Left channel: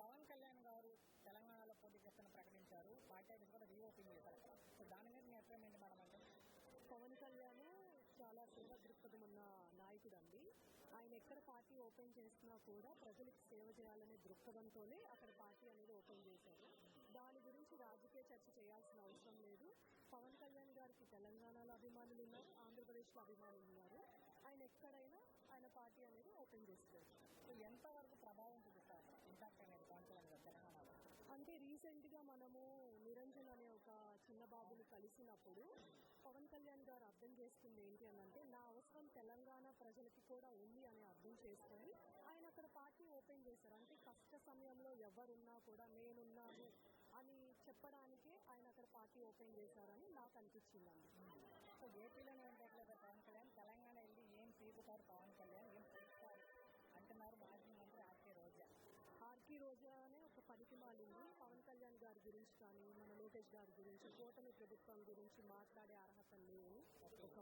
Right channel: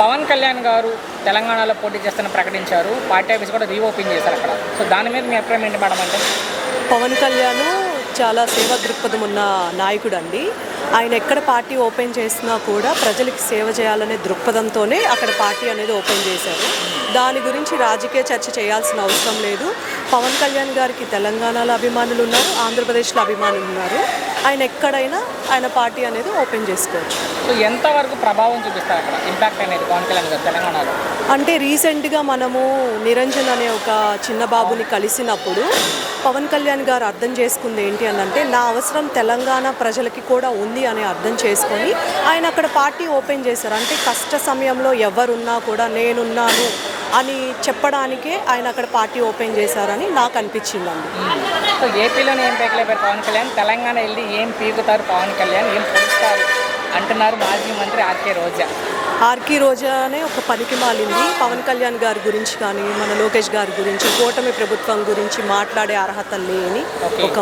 పవన్ కళ్యాణ్ గారు తెలంగాణలో పోటీ చేస్తానని ప్రకటించారు. పార్టీ ఆఫీస్ కూడా రీఓపెన్ చేశారు అక్కడ. సో దాని మీద మీ అభిప్రాయం ఏంటి మేడం అంటే? పవన్ కళ్యాణ్ చాలా సేవా దృక్పథం ఉన్న నాయకుడు అండి. ఆయన ఎక్కడ పార్టీ ఓపెన్ చేసినా కూడా ప్రజలకి సేవ చేయాలనే దృక్పథంతోనే అక్కడ పార్టీ అనేది ఓపెన్ చేశారు. దాని గురించి రాజకీయ చర్చ చేయాల్సిన అవసరం లేదు. పవన్ కళ్యాణ్ గారికి తెలంగాణలో అభిమానులు ఉన్నారు, ఆంధ్రప్రదేశ్లో అభిమానులు ఉన్నారు. ఆయన ఎక్కడైనా ఆయన పార్టీ అనేది ఓపెన్ చేసుకోవచ్చు. సో ఎంతవరకు ప్రభావం చూపిస్తారు అక్కడ ఇంపాక్ట్ అనేది పవన్ కళ్యాణ్ గారు తెలంగాణలో? అంటే రీసెంట్గా మనము నిరంజన్ అనే ఒక చిన్న బాబుని కలిసినప్పుడు పవన్ కళ్యాణ్ గారు అర్థం చేసుకుంది ఏంటి అని అంటే, నా అవసరం తెలంగాణ ప్రజలకి కూడా ఉంది అని అర్థం చేసుకొని ఆయన అక్కడ పార్టీ ఓపెన్ చేశారు. అంటే కష్ట సమయంలో ఎవరున్నా కూడా నేనున్నాను అని చెప్పడానికే ఆయన అక్కడ పార్టీ ఓపెన్ చేశారని నాకు అనిపించిందండి. సో ఏపీలోనే ఏం పీకలేపారు పవన్ కళ్యాణ్, తెలంగాణ వెళ్ళి ఏం పీకుతారు పవన్ కళ్యాణ్, ఏం పొడుస్తారు అంటున్నారు మాజీ మంత్రి ఆర్కే రోజా. ఆర్కే రోజానే ఒక పనికి మాలింది. పవన్ కళ్యాణ్ గారి గురించి కానీ మన లోకేష్ గారి గురించి కూటమి ప్రభుత్వం గురించి మాట్లాడే అర్హత లేని ఒక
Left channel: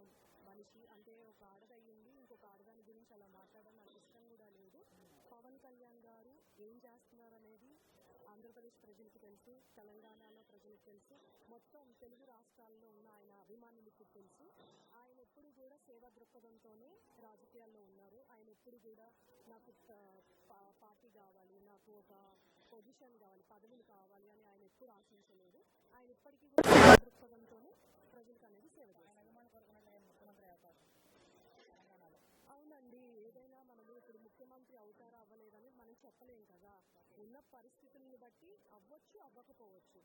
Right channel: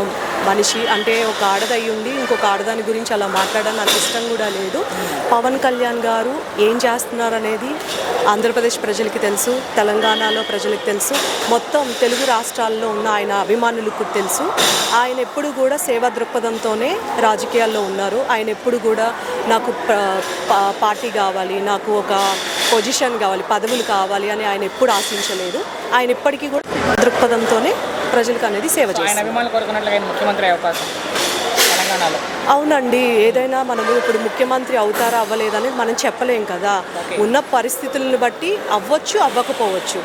మనిషి. అంటే ఒక ఆడదయ్యి ఉండి ఇంకొక ఆడదాని గురించి అలా మాట్లాడడం నాకు ఇష్టం కూడా లేదు. పవన్ కళ్యాణ్ గారు ఏం చేస్తున్నారు అనేది ఆంధ్రప్రదేశ్ ప్రజలకి తెలుసు, తెలంగాణలో ప్రజలకు తెలుసు, మొత్తం తెలుగు రాష్ట్రాల్లో ఉన్న ఆయన అభిమానులకు తెలుసు. ఆయన ఎప్పుడు కూడా సేవా దృక్పథంతోనే రాజకీయాల్లో ఉన్నారు. ఆయన ఎప్పుడు కూడా నాకు పార్టీ కావాలి, నాకు ఒక పొజిషన్ కావాలి, పదవులు కావాలి అని ఆయన ఎప్పుడు ఆశించలేదు. ఆయన ఇప్పటికీ కూడా దృక్పథంతోనే ప్రజలకు అనేది సేవ చేస్తారు. ముఖ్యమంత్రి అవకాశం తెలంగాణలో? అవునండి, ఏదైనా మనము ఇప్పుడు ముఖ్యమంత్రి అవుతారా అవ్వలేదని మనం చెప్పలేం కదా. ఉన్న పరిస్థితులను బట్టి అవ్వచ్చు, అవ్వకపోవచ్చు.